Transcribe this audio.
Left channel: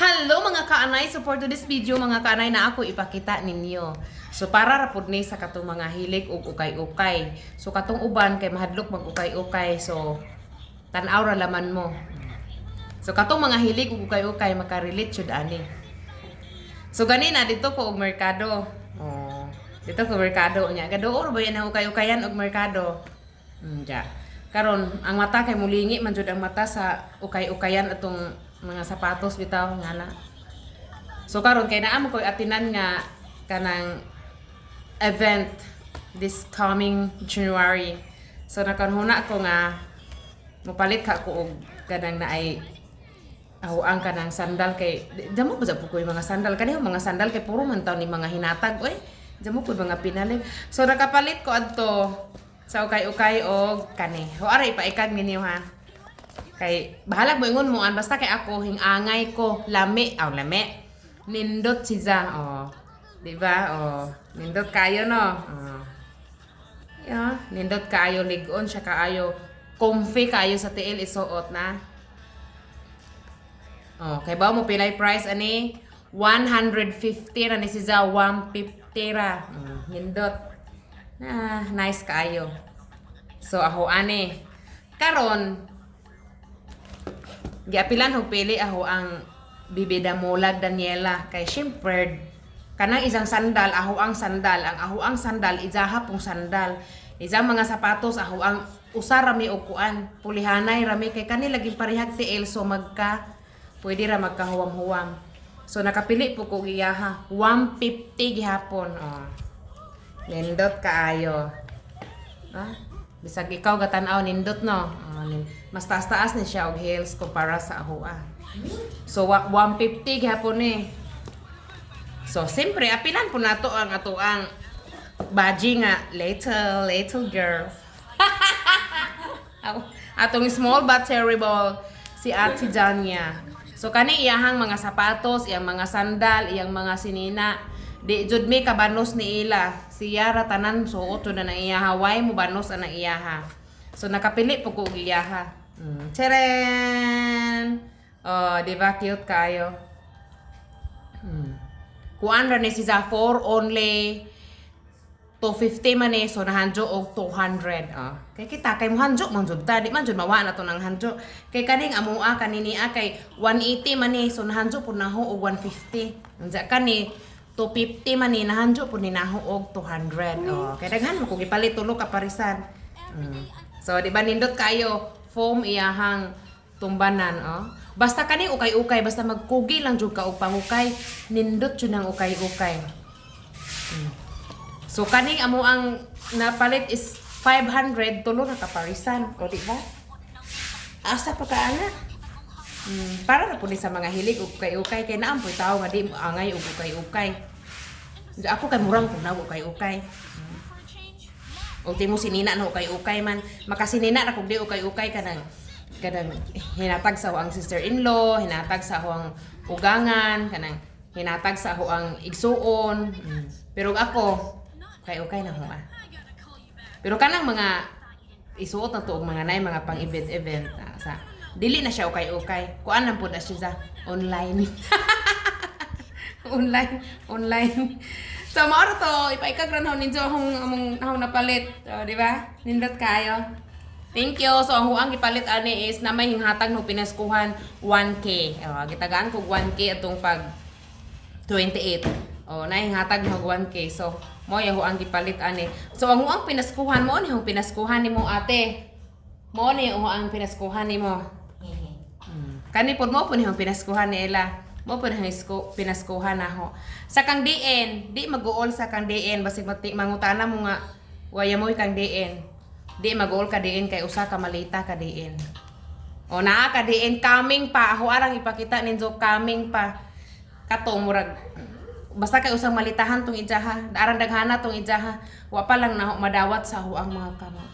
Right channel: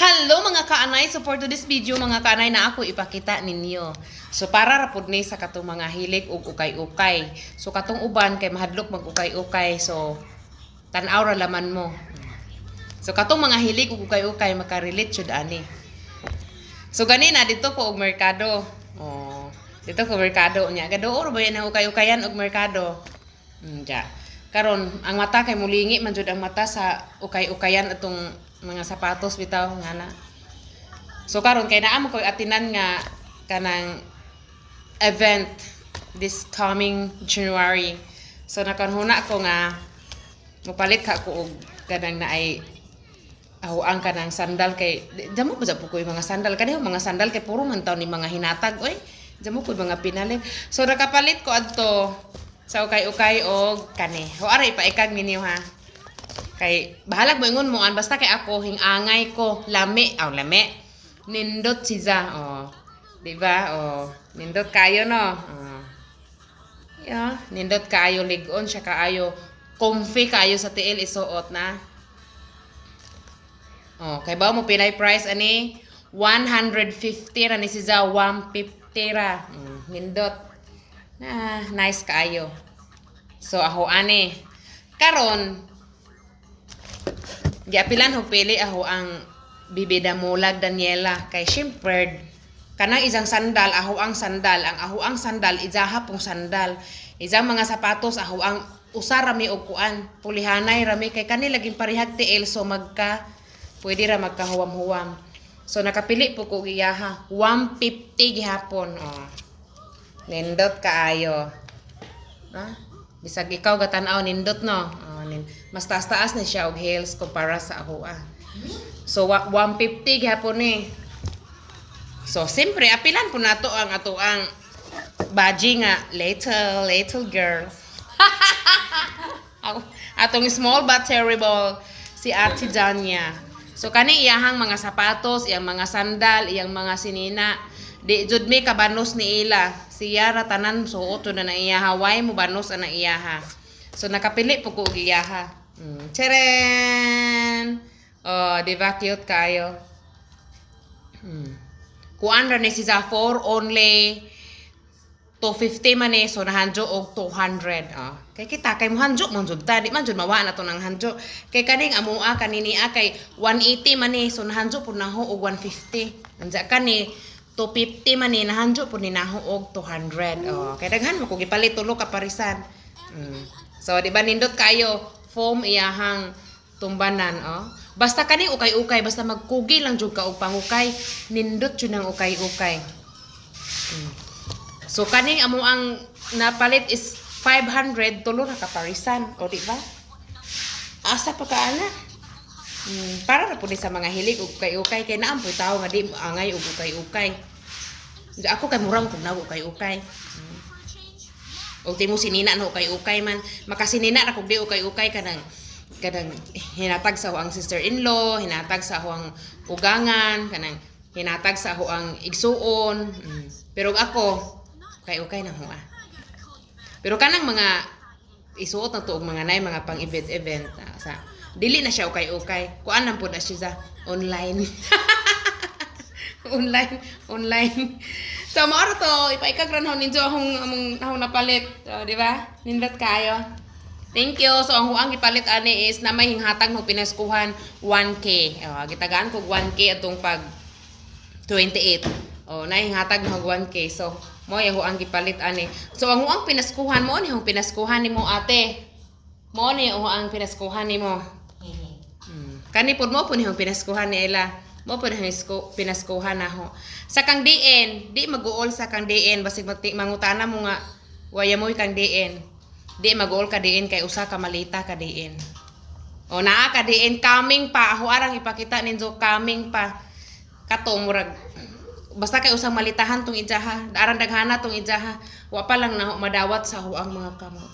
Hello mga kaanay, so for today's video mga kaanay na ako ipakita ninyo. So para rapod ni sa katong mga hilig ug ukay-ukay. So katong uban kay mahadlok mag ukay-ukay, so tan-aw ra laman mo. So katong mga hilig ug ukay-ukay makarelate jud ani. So ganina dito ko og merkado. Oh, dito ko merkado nya. Gaduo ba yan ang ukay-ukayan og merkado? Ja. Karon ang mata kay mulingi man jud ang mata sa ukay-ukayan atong mga sapatos bitaw nga na. So karon kay naa mo koy atinan nga kanang event this coming January. So nakanhuna ko nga mopalit ka ko og kanang naay ang kanang sandal kay damo ba sa pukoy mga sandal kaniho mga sandal kay puro man taw ni mga hinatag oy. Damo ko mga pinalit. So nakapalit ko adto sa ukay-ukay og kani. Ho ara ipaikag ninyo ha. Kay bahalag mo ingon mo an basta kay ako hingangay ko lami lami nindot siya di ba nindot kayo no nindot kayo ligon siya kaayo comfy kayo sa tiil isuot na kay ba mo pinay price ani 150 ra ni siya 150 ra nindot nice kayo. So ako ani karon giapilan og pili ako ang bibida mulag Daniela kay syempre kanang isang sandal ang aho ang sandal izaha pong sandal isang mga sapatos aho ang usa rami og kuan pulihanay rami kay kani laging parihag tiil so pwede ra magkahuwam-huwam. So nakapili po ko iyaha 150 gihapon nindot kaayo bisag ikaw gatan-aw nindot no mas taas-taas ni siya og heels kumpara sa ahoa. So 150 gihapon ni. So siyempre apilan po nato ang atoang baji nga little girl. Atong small but terrible si Ate Janya. So kani iyahang mga sapatos, iyang mga sandal, iyang mga sinina di jud mi kabanos ni ila. Siya ra tanan suot na na iyaha way mo banos ana iyaha. So nakapili po ko og iyaha. Teren! Di ba cute kayo? Kuan ra ni siya for only 250 man so nahanjo og 200. Kay kita kay mohanjo man jud ta di man jud mawa na to nang hanjo. Kay kaning amoa kanini kay 180 man so nahanjo pud naho og 150. Anja kani 250 man ni nahanjo pud ni naho og 200. Kay daghan mo ko gipalit tulo ka parisan. So di ba nindot kayo foam iyahang tumbanan basta kani ukay-ukay basta magkugi lang jud ka og pangukay nindot jud nang ukay-ukay. So kani amo ang napalit is 500 tulo ra ka parisan di ba asa pa kaana para ra pud sa mga hilig og ukay-ukay kay naam poy tawo nga di angay og ukay-ukay. Ako kay murang pud na ukay-ukay. O timo sinina no ukay-ukay man makasinina ra kog di ukay-ukay kanang hinatag sa ang sister-in-law, hinatag sa ang ugangan, kanang hinatag sa ang igsuon. Pero ako ukay-ukay na ho Pero kanang mga isuot na to og mga nay mga pang event sa dili na siya ukay-ukay. Kuan lang pud na siya online. online. So maoro to ipaikag ra ninyo akong napalit. So di ba? Nindot kayo. Thank you. So ang huang ipalit ani is na may hinghatag ng pinaskuhan 1K. Gitagaan ko 1K atong pag 28. Na hinghatag ng 1K. So mo yung huang ipalit ani. So ang huang pinaskuhan mo ni yung pinaskuhan nimo ate. Mo ni yung huang pinaskuhan nimo. Kani pud mo pud yung pinaskuhan ni Ella. Mo pud pinaskuhan na ho. Sa kang DN, di mag-uol sa kang DN basig mangutana mo nga waya mo kang DN. Di mag-uol ka DN kay usa ka malita ka DN. Naa ka DN coming pa ako arang ipakita ninyo coming pa. Kato murag basta kay usang malitahan tong ijaha, aran daghana tong ijaha. Wa pa lang na madawat sa huang mga kamot.